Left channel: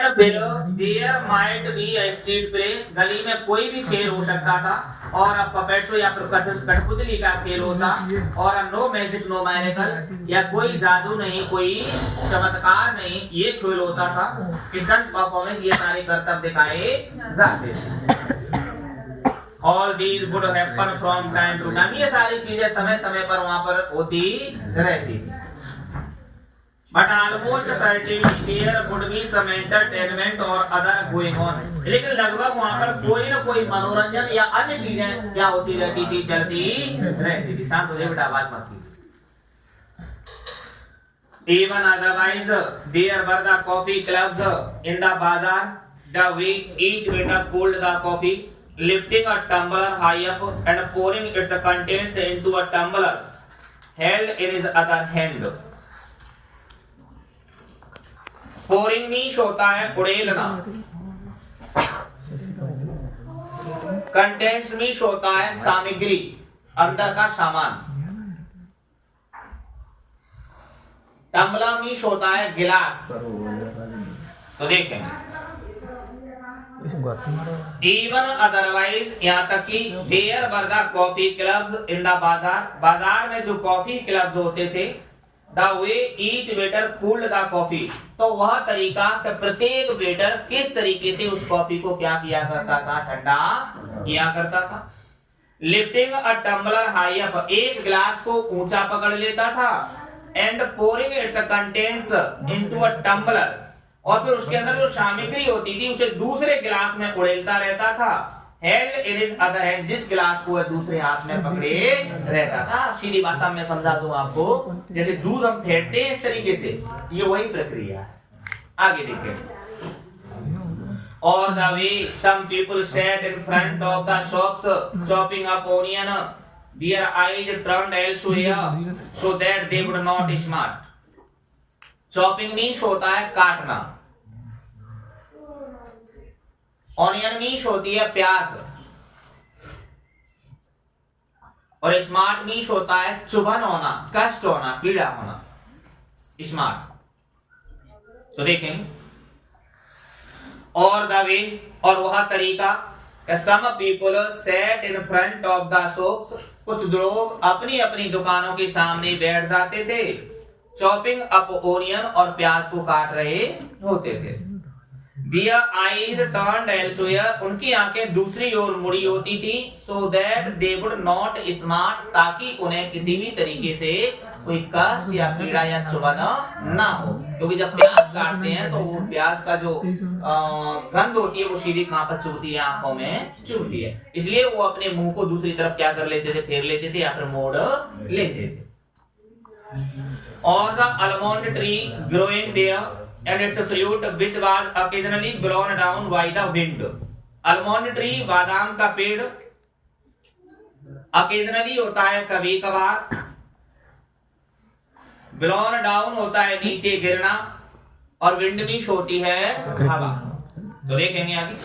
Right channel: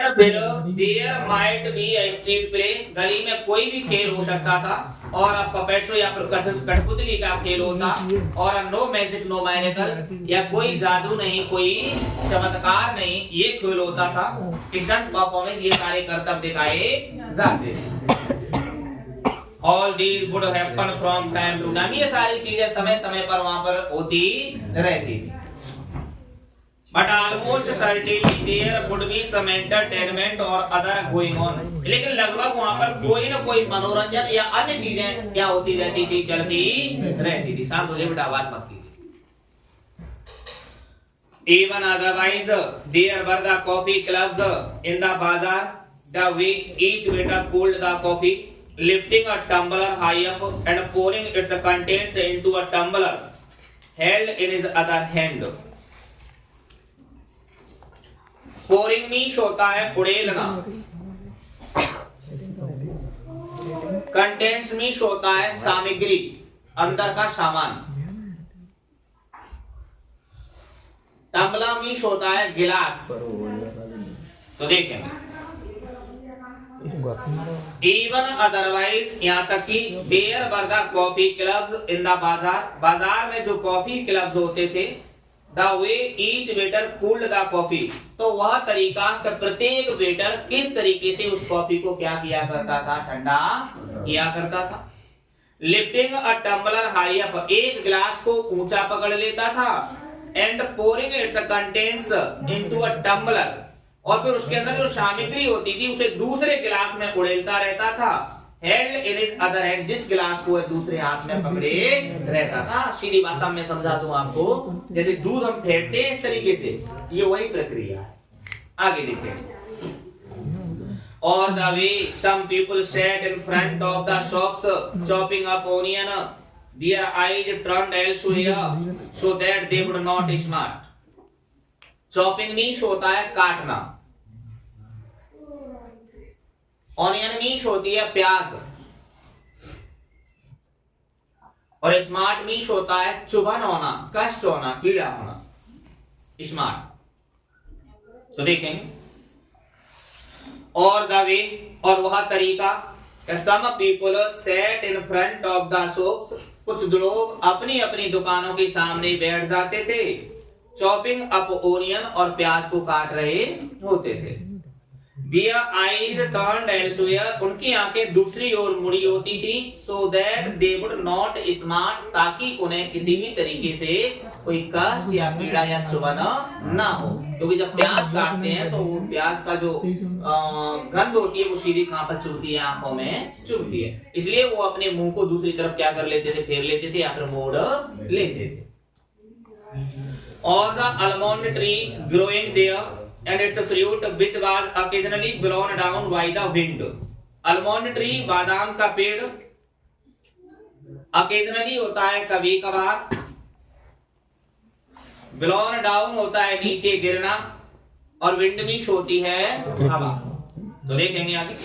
There might be a street play, गली में कोई भी खेल हो सकता था, और अब पपेट्सो या फिर कठपुतली का खेल होता, और नो मैजिक नो मैजिकल, या कोई जादू नहीं, कोई चमत्कार नहीं, ये खेल होता था। स्टंट परफॉर्मेंस, ये सारे करतब दिखाए जाते थे। All these would happen from time to time, ये सारी चीजें समय समय पर वहां पर होती रहती थी। But almost certainly there would be some entertainment or other going on, लेकिन लगभग वहां पर कोई ना कोई मनोरंजन या अन्य चीजें क्या होती रहती थी, चलती रहती थी। शांत हो जाइए बेटा, आवाज मत कीजिए। Even otherwise there were the coffee clubs in the bazaar, the way each waiter pulled the coffee, lifting a tumbler high up and pouring its contents into a tumbler held in his other hand. Pouring means होता है उड़ेलना, contents means होता है सामग्री, अंदर का सामान, tumbler means होता है गिलास। तो देखेंगे इवन अदरवाइज, यहाँ तक कि there were the coffee clubs in the bazaar, बाजार में जो कॉफी क्लब्स होते थे, the way each waiter pulled the coffee, तो वह तरीका कि प्रत्येक वेटर किस तरीके से उस कॉफी को क्या किया करता था, ठंडा किया करता था। Lifting a tumbler high up, एक गिलास को ऊंचा पकड़ लेता था, and pouring its contents into a tumbler, और फिर उसके अंदर जो सामग्री होती थी उसे दूसरे गिलास में उड़ेलता रहता था। Held in his other hand, जिस गिलास को वह दूसरे हाथ में पकड़े रहता था। सीधी भाषा में समझा दूं आपको, जैसे दूध हम फेंटते हैं इस तरीके से, ये वही प्रक्रिया है। आगे देखें। और the way some people sat in front of the shops chopping up onion, their eyes turned elsewhere so that they would not smart. Chopping means होता है काटना, ऑनियन मीन्स होती है प्याज, और स्मार्ट मीन्स होता है चुभन होना, कष्ट होना, पीड़ा होना, स्मार्ट। तो देखेंगे। और द वे, और वह तरीका, some people set in front of the shops, कुछ लोग अपनी अपनी दुकानों के सामने बैठ जाते थे, चॉपिंग अप ओनियन, और प्याज को काट रहे होते थे। Their eyes turned elsewhere, उनकी आंखें दूसरी ओर मुड़ी होती थी, so that they would not smart, ताकि उन्हें किसी भी तरीके से कोई कष्ट या पीड़ा या चुभन ना हो। क्योंकि जब प्याज काटते हैं तो वो प्याज का जो गंध होती है वो सीधी कहां पर चुभती है, आंखों में चुभती है, इसलिए वो अपने मुंह को दूसरी तरफ क्या कर लेते थे, फेर लेते थे या फिर मोड़ लेते थे। और the almond tree growing there and its fruit which was occasionally blown down by the wind. almond tree, बादाम का पेड़, occasionally होता है कभी कभार, blown down होता है नीचे गिरना, और wind मीन्स होती है हवा। तो देखेंगे आगे।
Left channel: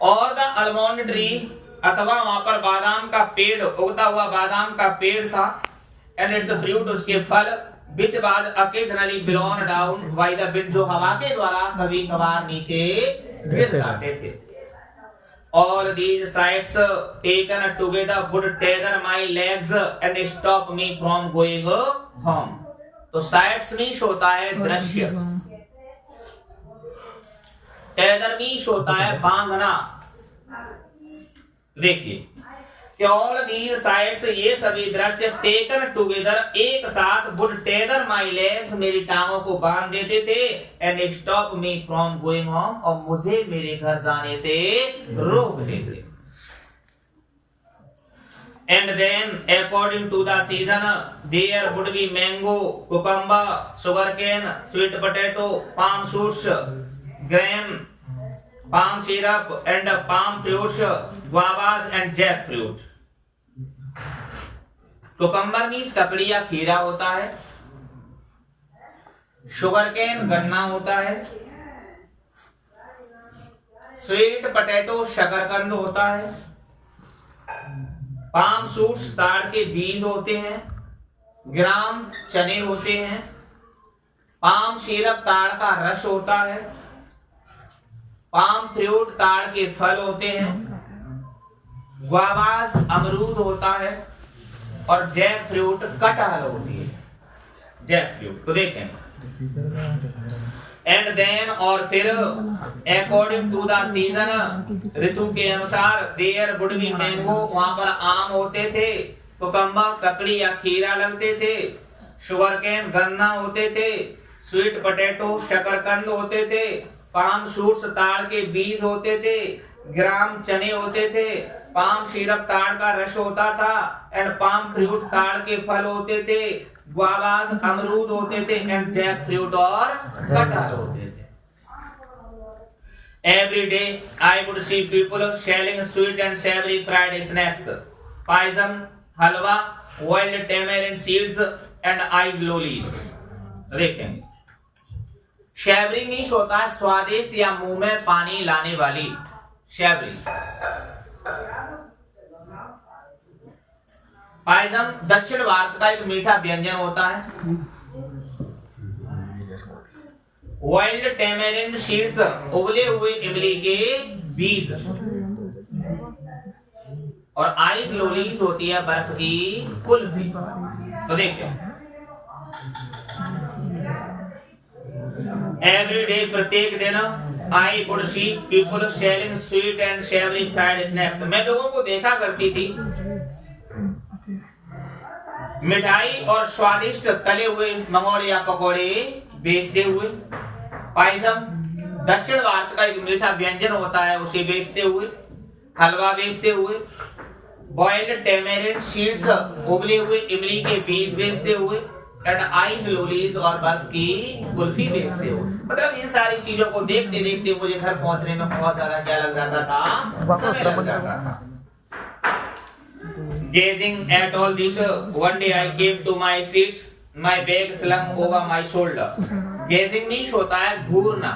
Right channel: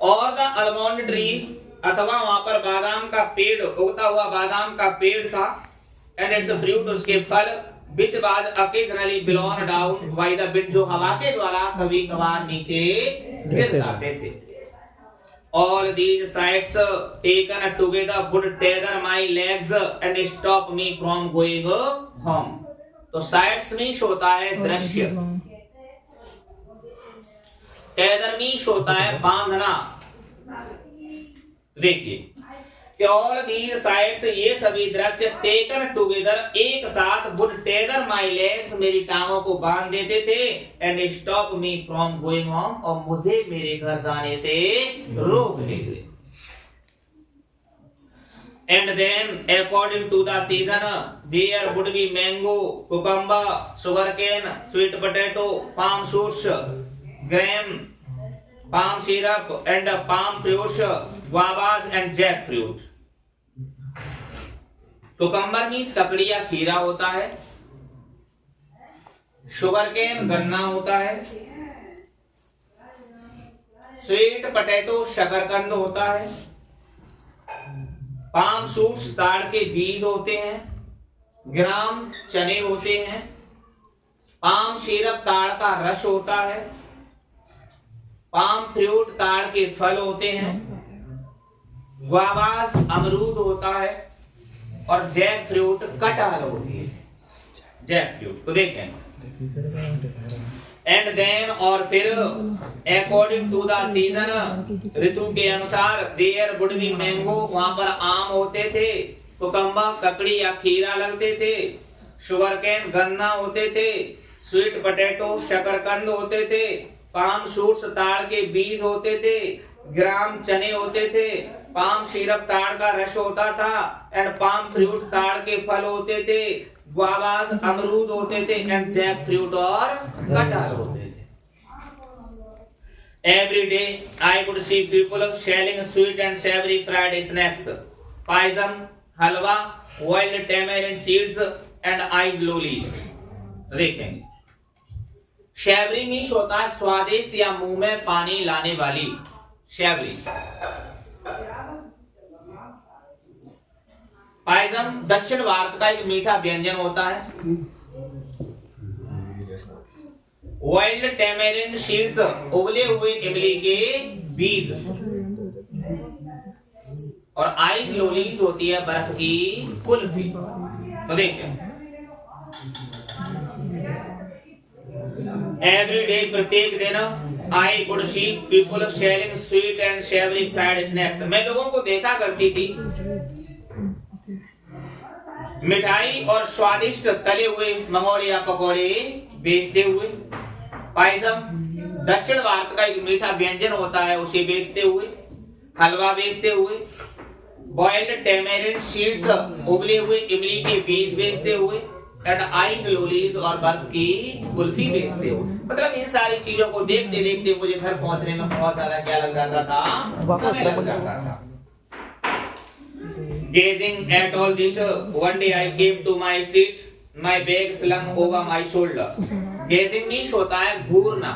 और the almond tree, अथवा वहां पर बादाम का पेड़, उगता हुआ बादाम का पेड़ था, and its fruit, उसके फल, which was occasionally blown down by the wind, जो हवा के द्वारा कभी कभार नीचे गिर जाते थे। All these sights taken together would tether my legs and stop me from going home. तो sights मीन्स होता है दृश्य, tether मीन्स होता है बांधना। देखिए, All these sights, ये सभी दृश्य, taken together, एक साथ, would tether my legs, मेरी टांगों को बांध देते थे, and stop me from going home, और मुझे मेरे घर जाने से रोक देते। And then, according to the season, there would be mango, cucumber, sugarcane, sweet potato, palm shoots, gram, palm syrup, and palm fruits, guavas and jackfruit. Cucumber means ककड़ी या खीरा होता है, शुगर केन गन्ना होता है, स्वीट पोटैटो शकरकंद होता है, पाम शूट्स ताड़ के बीज होते हैं, ग्राम चने होते हैं, पाम सिरप ताड़ का रस होता है। पाम फ्रूट ताड़ के फल होते हैं। ग्वावास अमरूद होता है और जैक फ्रूट कटहल होती है। जैक फ्रूट तो देखें एंड देन और फिर अकॉर्डिंग टू द सीजन, ऋतु के अनुसार देयर वुड बी मैंगो, वहां पर आम होते थे। कुकम्बा ककड़ी या खीरा लगते थे। शुगर केन गन्ना होते थे। स्वीट पोटैटो शकरकंद होते थे। पाम शूट्स ताड़ के बीज होते थे। ग्राम चने होते थे। पाम सिरप ताड़ का रस होता था एंड पाम फ्रूट ताड़ के फल होते थे। ग्वावास अमरूद होते थे एंड जैक फ्रूट और कटहल होते थे। Every day I would see people selling sweet and savory fried snacks, paisam, halwa, wild tamarind seeds and ice lollies. देखेंगे शैवरी मीन्स होता है स्वादिष्ट या मुंह में पानी लाने वाली। शैवरी। पायसम दक्षिण भारत का एक मीठा व्यंजन होता है। वाइल्ड टेमेरिन सीड्स उबले हुए इमली के बीज और आइस लोलीज होती है बर्फ की कुल्फी। तो देखिए एवरी डे प्रत्येक दिन I would see people selling sweet and savoury fried snacks. मैं लोगों को देखा करती थी मिठाई और स्वादिष्ट तले हुए मंगोड़े या पकौड़े बेचते हुए। पायसम दक्षिण भारत का एक मीठा व्यंजन होता है, उसे बेचते हुए। हलवा बेचते हुए। बॉइल्ड टेमेरिन सीड्स उबले हुए इमली के बीज बेचते हुए एंड आइस लोलीज और बर्फ की कुल्फी बेचते हुए। मतलब इन सारी चीजों को देखते देखते मुझे घर पहुंचने में बहुत ज्यादा क्या लग जाता था, समय लग जाता था। Gazing at all this, one day I came to my street, my bag slung over my shoulder. Gazing means होता है घूरना।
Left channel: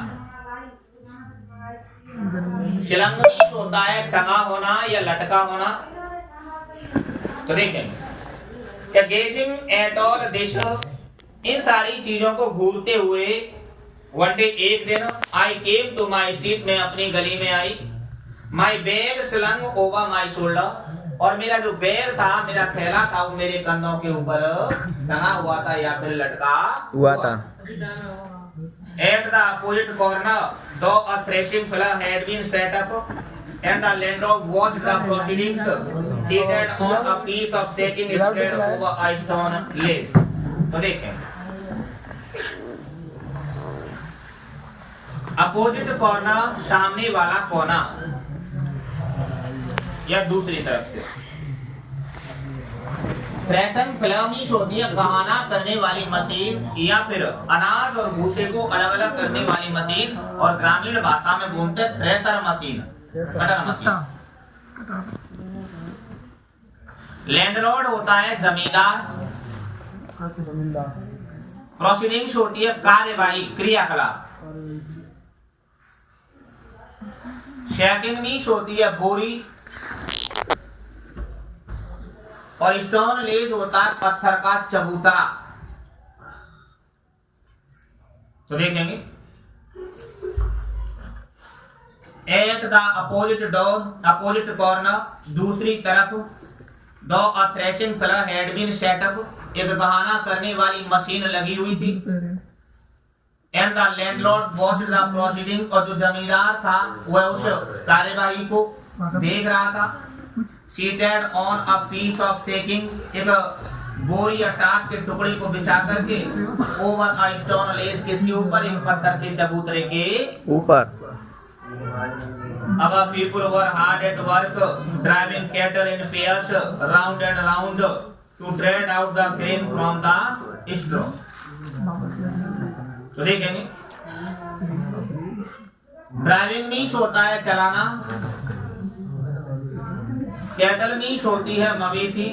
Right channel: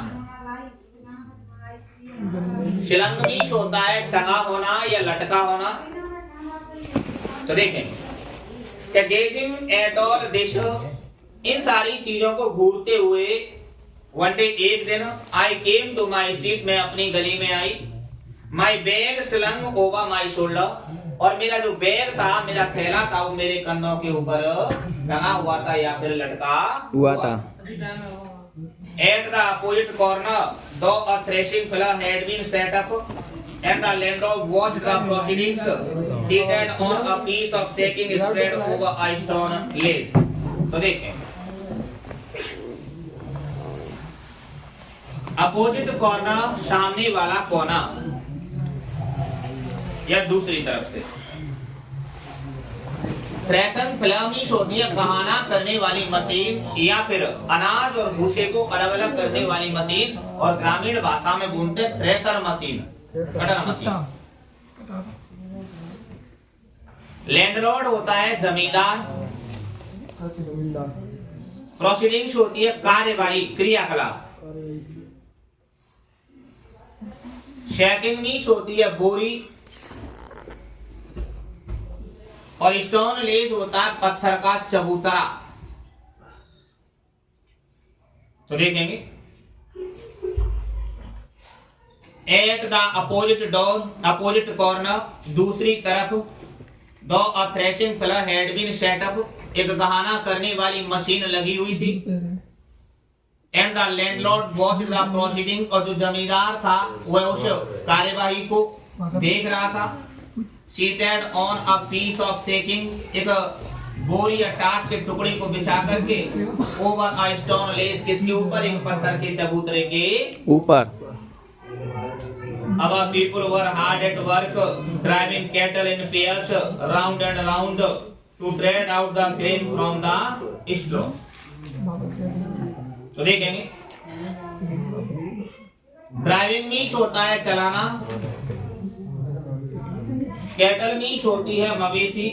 slung means होता है टंगा होना या लटका होना। तो देखें क्या gazing at all this, इन सारी चीजों को घूरते हुए one day एक दिन I came to my street, मैं अपनी गली में आई। My bag slung over my shoulder, और मेरा जो बैग था, मेरा थैला था, वो मेरे कंधों के ऊपर टंगा हुआ था या फिर लटका हुआ था। At the opposite corner, though a threshing floor had been set up, and the landlord watched the proceedings, seated on a piece of sacking spread over a stone lace. तो देखें, अपोजिट कॉर्नर सामने वाला कोना या दूसरी तरफ से। Thresher फिलामीश होती है गहाना करने वाली मशीन या फिर अनाज और भूसे को अलग अलग करने वाली मशीन, और ग्रामीण भाषा में बोलते हैं thresher machine, cutter machine. Landlord होता है जमींदार। प्रोसीडिंग्स होती है कार्यवाही, क्रियाकलाप। शैकिंग मीन्स होती है बोरी, और स्टोन लेज होता है पत्थर का चबूतरा। तो देखेंगे at the opposite door, opposite corner, दूसरी तरफ। Though a threshing floor had been set up, एक गहाना करने वाली मशीन लगी हुई थी। And the landlord watched the proceeding, और जो जमींदार था वह उस कार्यवाही को देख रहा था। Seated on a piece of sacking, एक बोरी या टाट के टुकड़े को बिछा करके। ओवर अ स्टोन लेस, किसके ऊपर? एक पत्थर के चबूतरे के ऊपर। अब people were hard at work, driving cattle in pairs round and round to dread out the grain from the straw. तो देखेंगे ड्राइविंग मीन्स होता है चलाना। कैटल मीन्स होती है मवेशी।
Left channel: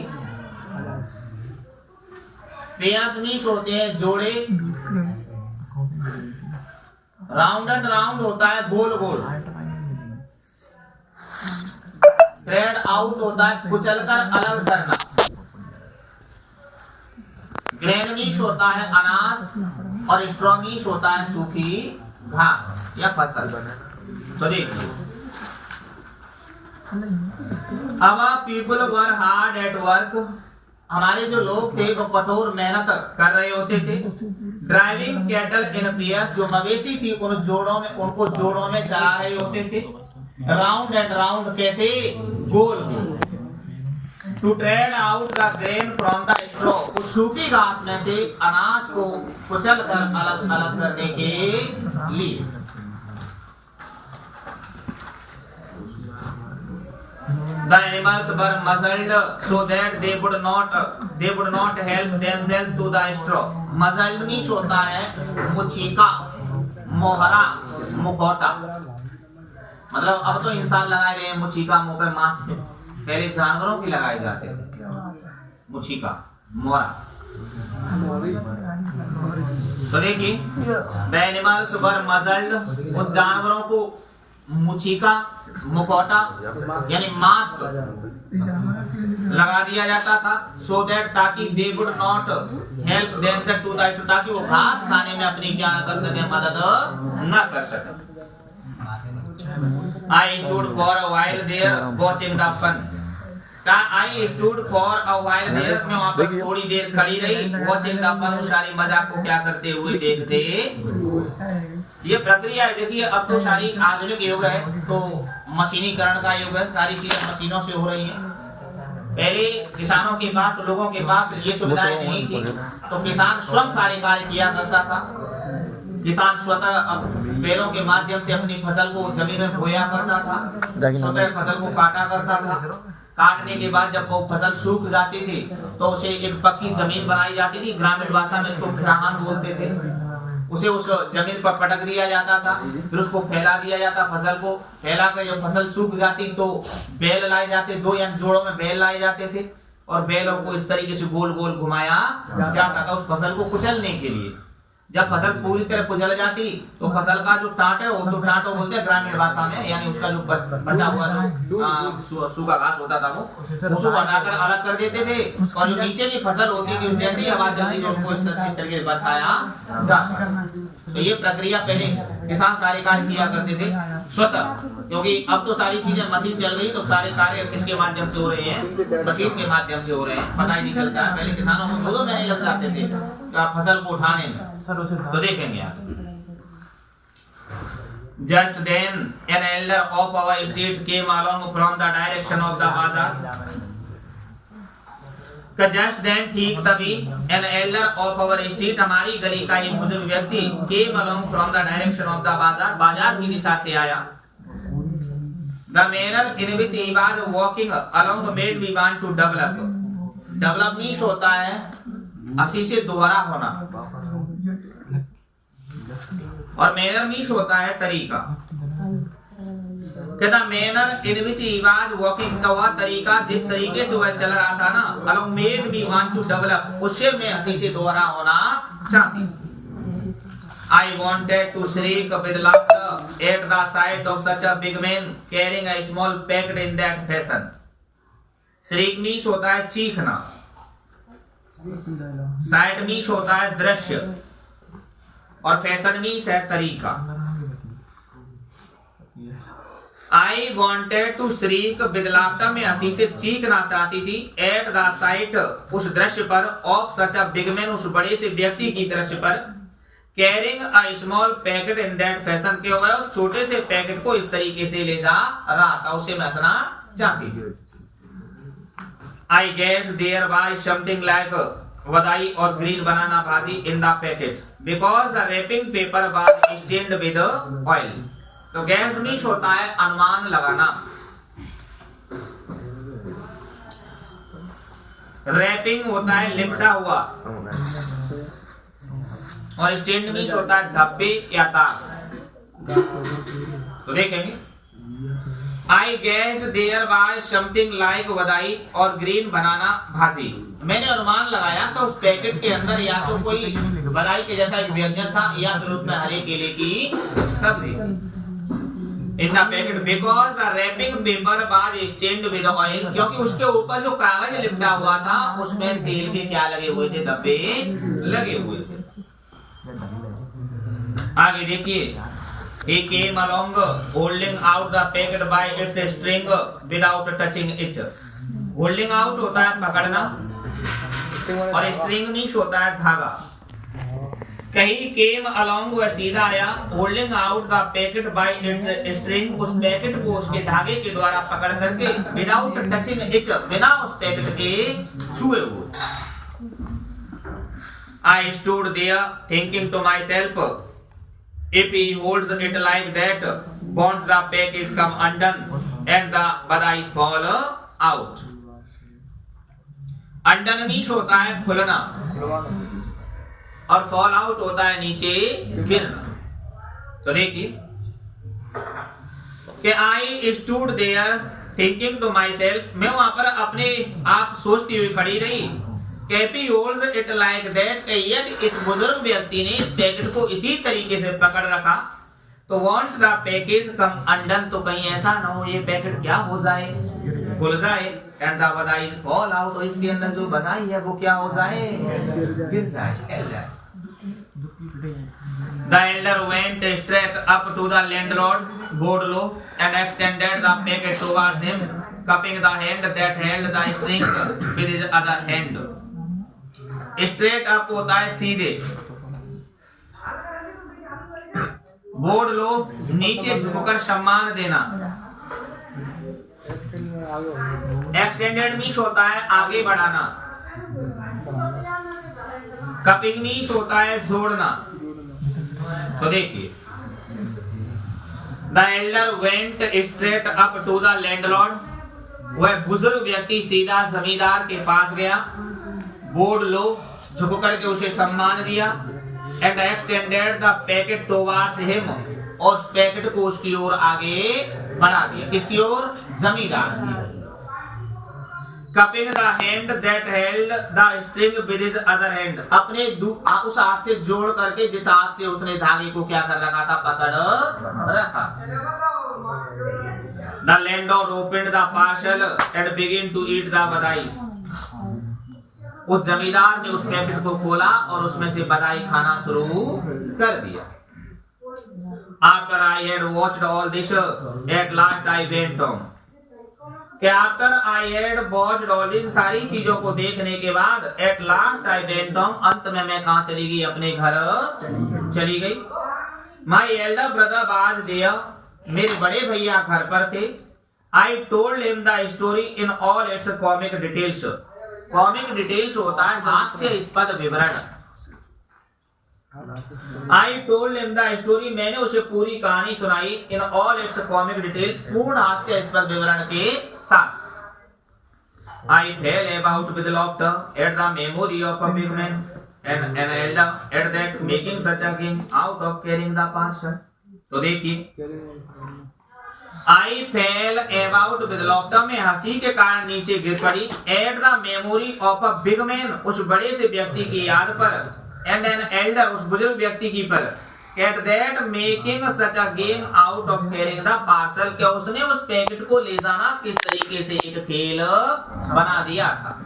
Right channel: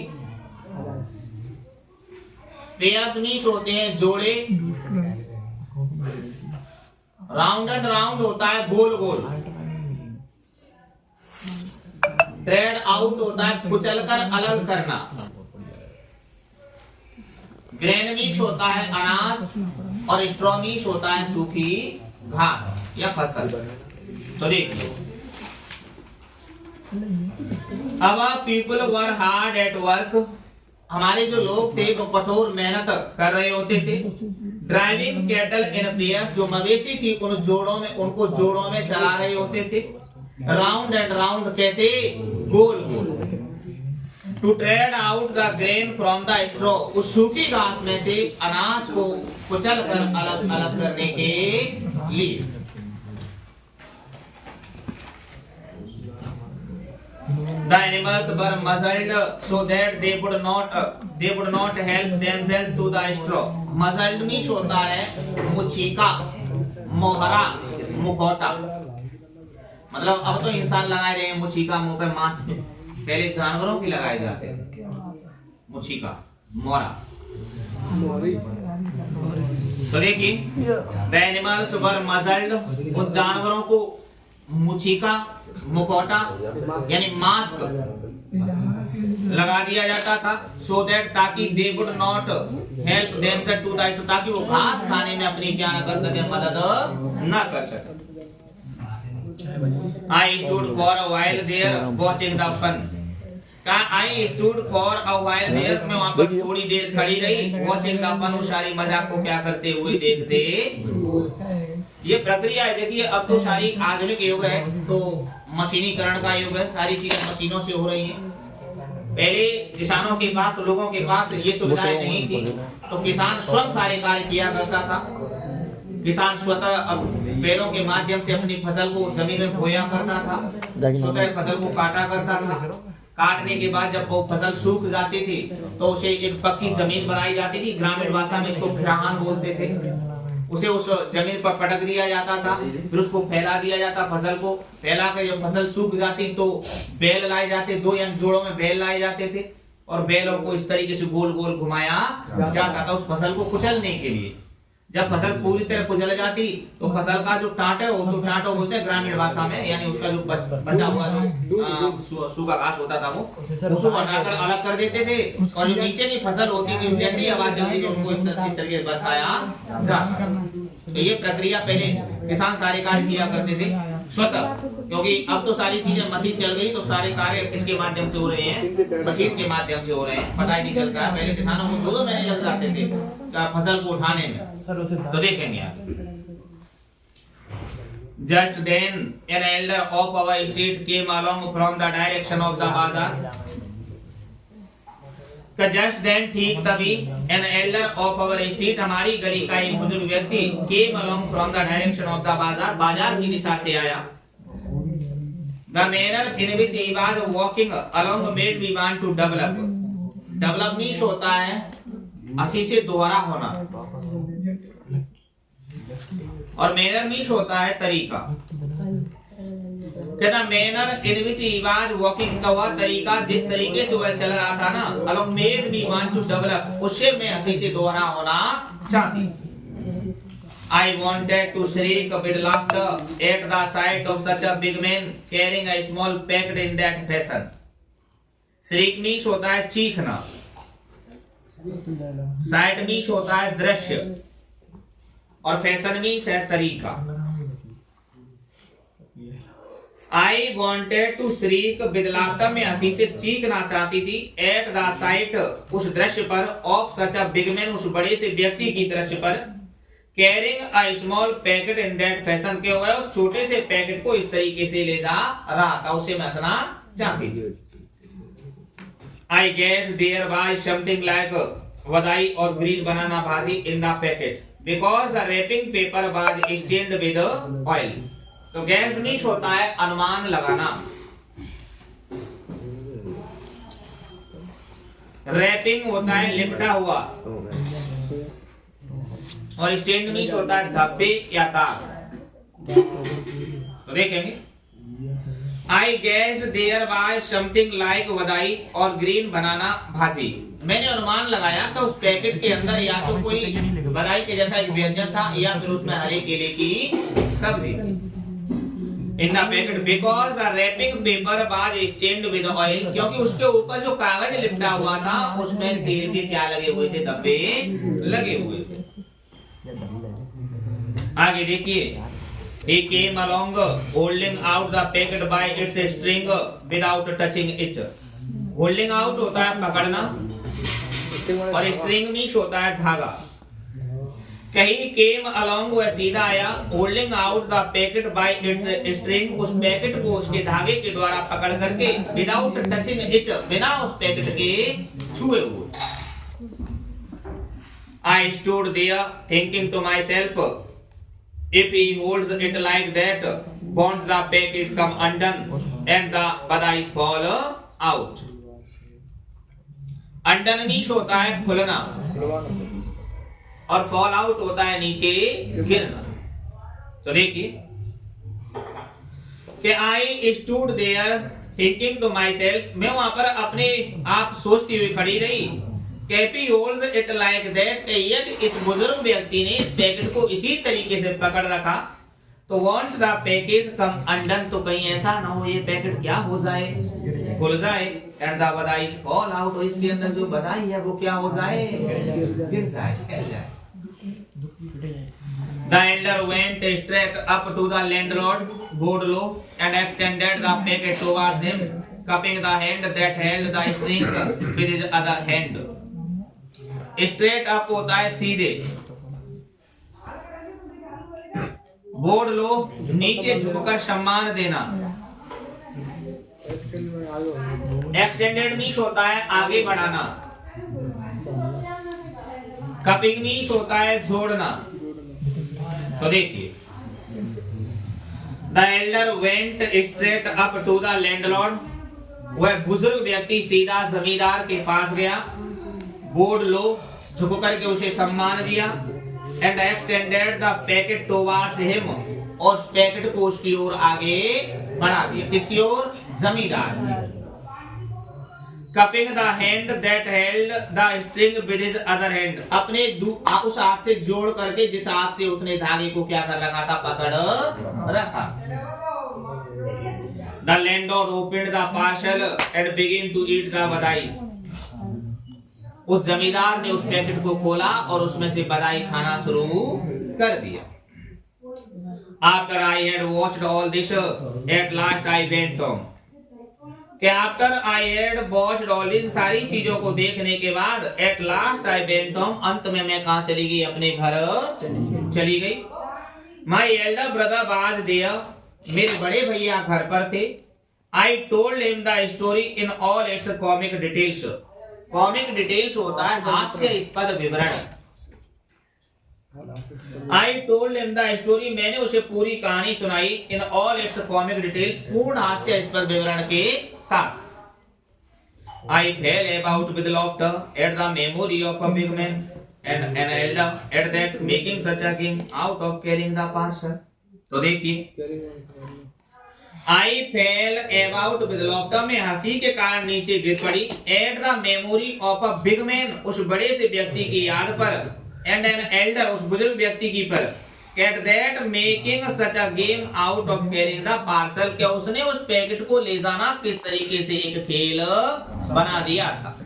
पेयर्स मीन्स होते हैं जोड़े। राउंड एंड राउंड होता है गोल गोल। ट्रेड आउट होता है कुचलकर अलग करना। ग्रेन मीन्स होता है अनाज, और स्ट्रॉ मीन्स होता है सूखी घास या फसल। तो देखिए, अब people were hard at work, हमारे जो लोग थे वो कठोर मेहनत कर रहे होते थे। ड्राइविंग कैटल इन पेयर्स, जो मवेशी थी उनको जोड़ों में चला रहे होते थे। राउंड एंड राउंड, कैसे, गोल गोल। To tread out the grain from the straw, उस सूखी घास में से अनाज को कुचल कर अलग अलग करने के लिए। The animals were muzzled so that they would not help themselves to the straw. Muzzled means होता है मुचीका, मोहरा, मुखौटा। मतलब अब तो इंसान लगाए रहे हैं मुचीका मुंह पे मास्क, पहले जानवरों की लगाए जाते थे मुचीका, मोहरा। तो देखिए, the animals were muzzled, उन जानवरों को मुचीका, मुखौटा यानी मास्क लगा दिया जाता था। सो दैट, ताकि they would not help themself to the, ताकि वो घास खाने में अपनी क्या न कर सके, मदद न कर सके। I stood for a while there watching the fun. I stood for a while there, मैं वहाँ पर थोड़ी देर खड़ी रही, watching the fun, सारी मजाक को क्या करते हुए देखते। ये प्रक्रिया है। देखिए, अब तो सारी आधुनिक युग है, तो मशीनीकरण का युग है, सारी चीजें मशीनों से हो रही हैं। पहले किसानों के पास, लोगों के पास ये सुविधाएं नहीं थी, तो किसान स्वयं सारे कार्य किया करता था। किसान स्वतः बैलों के माध्यम से अपनी फसल को जमीन में बोया करता था, स्वतः फसल को काटा करता था। काटने के बाद जब वो फसल सूख जाती थी तो उसे एक पक्की जमीन बनाई जाती थी, ग्रामीण भाषा में इसको खराहान बोलते थे। उसे उस जमीन पर पटक दिया जाता था, फिर उसको फैला दिया जाता, फसल को फैला कर जब फसल सूख जाती तो बैल लाए जाते, दो या जोड़ों में बैल लाए जाते थे, और बैलों को इस तरीके से गोल गोल घुमाया जाता था उस फसल को कुचलने के लिए। जब फसल पूरी तरह कुचल जाती तो फसल का जो टाट है, वो तो टाटो बोलते हैं ग्रामीण भाषा में, यानी उसका जो बचा हुआ जो सूखा घास होता था वो उसको बनाकर अलग कर देते थे, और जो नीचे की फसल होती थी जैसे ही आवाज चलती थी उनको इस तरीके से बचाया जाता। तो ये प्रक्रिया पहले किसान सारे कार्य किया करते थे स्वतः, क्योंकि अब तो सारी चीजें मशीन चल गई, तो सारे कार्य किसके माध्यम से हो रहे हैं, मशीन के माध्यम से हो रहे हैं, पता ही नहीं चलता है। पहले किसानों को 2 महीने लग जाते थे फसल को उठाने में। तो देखेंगे आप, just then an elder of our state came along from the direction of the bazaar. Just then, ठीक तभी, an elder of our street, हमारी गली का एक बुजुर्ग व्यक्ति, came along from the direction of the bazaar, बाजार की दिशा से आया। The manner in which he was walking along made me want to develop. Develop means होता है असी से दोहरा होना, और मैनर मीन्स होता है तरीका। कहता manner in which he was walking, का वह तरीका जिस तरीके से वह चल रहा था ना, along made me want to develop, उससे मैं हंसी से दोहरा होना चाहती। I wanted to shriek with laughter at the sight of such a big man carrying a small packet in that fashion. shriek means होता है चीखना, साइट मीन्स होता है दृश्य, और फैशन मीन्स है तरीका। I wanted to shriek with laughter, में हंसी से चीखना चाहती थी, एट द साइट, उस दृश्य पर, of such a big man, उस बड़े से व्यक्ति की दृश्य पर, carrying a small packet in that fashion, के हुए उस छोटे से पैकेट को इस तरीके से ले जा रहा था, उसे मैं हंसना चाहती थी। I get there by something like vadai or green banana bhaji in the packet because the wrapping paper was stained with oil. तो गैस मीन्स होता है अनुमान लगाना, रैपिंग होता है लिपटा हुआ, और स्टेंड मीन्स होता है धब्बे या तार। तो देखेंगे, I get there by something like vadai और ग्रीन बनाना भाजी, मैंने अनुमान लगाया कि उस पैकेट के अंदर या तो कोई वदाई के जैसा एक व्यंजन था, या फिर उसमें हरे केले की सब्जी। In the packet because the wrapping paper was stained with oil, क्योंकि उसके ऊपर जो कागज लिपटा हुआ था उसमें तेल के क्या लगे हुए थे, धब्बे लगे हुए थे। आगे देखिए, he came along holding out the packet by its string without touching it. holding out होता है पकड़ना और string मीन्स होता है धागा। कहीं came along वह सीधा आया, holding out the packet by its string, उस पैकेट को उसके धागे के द्वारा पकड़ करके without touching it, बिना उस पैकेट के छुए हुए। I stood there thinking to myself, if he holds it like that, won't the package come undone and the badais fall out? Undone means होता है खुलना और fall out होता है नीचे गिरना। तो देखिए कि I stood there thinking to myself, मैं वहां पर अपने आप सोचती हुई खड़ी रही। कैपी होल्ड इट लाइक दैट, यदि इस बुजुर्ग व्यक्ति ने इस पैकेट को इसी तरीके से पकड़ रखा तो want the package come undone, तो कहीं ऐसा ना हो ये पैकेट क्या हो जाए, खुल जाए, एंड द बधाई फॉल आउट, और इसके अंदर जो बधाई है वो क्या हो जाए, गिर जाए, फैल जाए। The elder went straight up to the landlord, bowed low, and extended the packet towards him, cupping the hand that held the string with his other hand. Straight up होता है सीधे, बोर्ड लो नीचे झुककर सम्मान देना, एक्सटेंडेड मीन्स होता है आगे बढ़ाना, कपिंग मीन्स होता है जोड़ना। तो देखिए, the elder went straight up to the landlord, वह बुजुर्ग व्यक्ति सीधा जमींदार के पास गया, बोर्ड लो झुक करके उसे सम्मान दिया, and extended the packet towards him, और उस पैकेट को उसकी ओर आगे बढ़ा दिया, किसकी ओर, जमींदार की। Cupping the hand that held the string with his other hand, अपने उस हाथ से जोड़ करके जिस हाथ से उसने धागे को क्या कर रखा था, पकड़ रखा। The landlord opened the parcel and begin to eat the बधाई, उस जमींदार ने उस पैकेट को खोला और उसमें से बधाई खाना शुरू कर दिया। After I had watched all this, at last I went home. कि after I had watched all this, सारी चीजों को देखने के बाद at last I went home, अंत में मैं कहाँ चली गई, अपने घर चली गई। My elder brother was there, मेरे बड़े भैया घर पर थे। I told him the story in all its comic details. Comic details होता है हास्यास्पद विवरण। I told him the story, मैंने उसे पूरी कहानी सुनाई, in all it's comic details, पूर्ण हास्यास्पद विवरण के साथ। I fell about with laughter at the memory of a big man and an elder at that making such a game out of carrying the parcel. तो देखिए, I fell about with laughter, में हंसी के कारण नीचे गिर पड़ी, at the memory of a big man, उस बड़े से व्यक्ति की याद पर, and an elder, उस बुजुर्ग व्यक्ति की पर, at that making such a game out of carrying the parcel, क्या उसने उस पैकेट को ले जाना किस तरीके से एक खेल बना दिया था।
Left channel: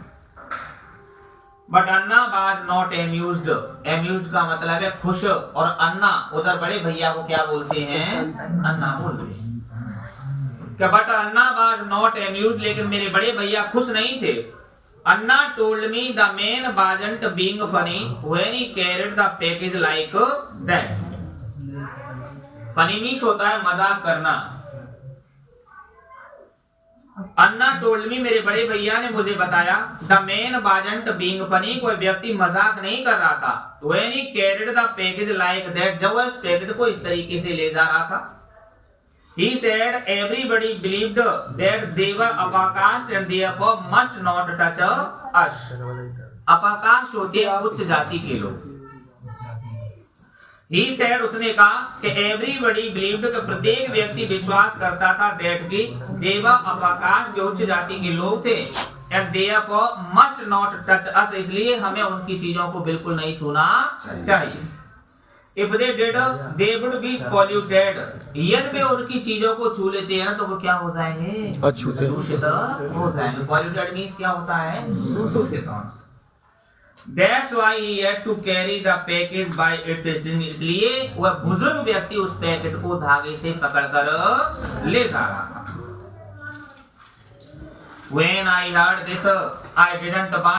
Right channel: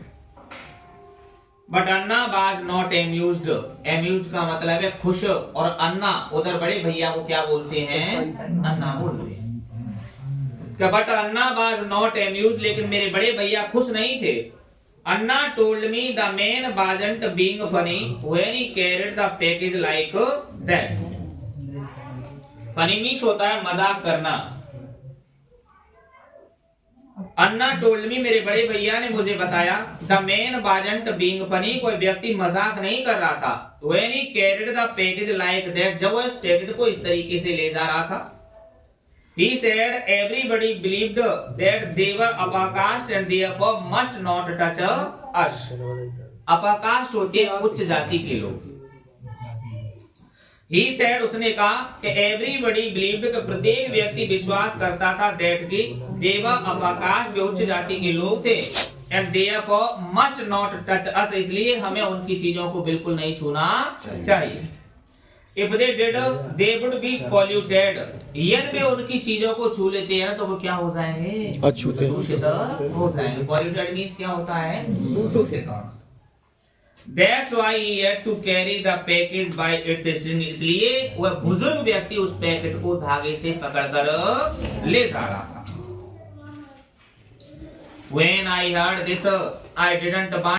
But Anna was not amused. Amused का मतलब है खुश, और अन्ना उधर बड़े भैया को क्या बोलते हैं, अन्ना बोलते हैं। But Anna was not amuse, लेकिन मेरे बड़े भैया खुश नहीं थे। Anna told me the man wasn't being funny when he carried the package like that. Funny means होता है मजाक करना। अन्ना टोल्ड मी, मेरे बड़े भैया ने मुझे बताया, the man wasn't being funny, कोई व्यक्ति मजाक नहीं कर रहा था, when he carried the package like that, जब वह इस पैकेट को इस तरीके से ले जा रहा था। He said everybody believed that they were uppercaste and therefore must not touch us. Upper caste होते हैं उच्च जाति के लोग। He said, उसने कहा कि everybody believed, कि प्रत्येक व्यक्ति विश्वास करता था that कि they were uppercaste, जो उच्च जाति के लोग थे, and therefore must not touch us, इसलिए हमें उनकी चीजों को बिल्कुल नहीं छूना चाहिए। If they did, they would be polluted. यदि वे उनकी चीजों को छू लेते हैं ना तो वो क्या हो जाएंगे, दूषित हो जाएंगे। Polluted means क्या होता है, दूषित होना। That's why he had to carry the package by its string. इसलिए वह बुजुर्ग व्यक्ति उस पैकेट को धागे से पकड़कर ले जा रहा था. When I heard this, I didn't want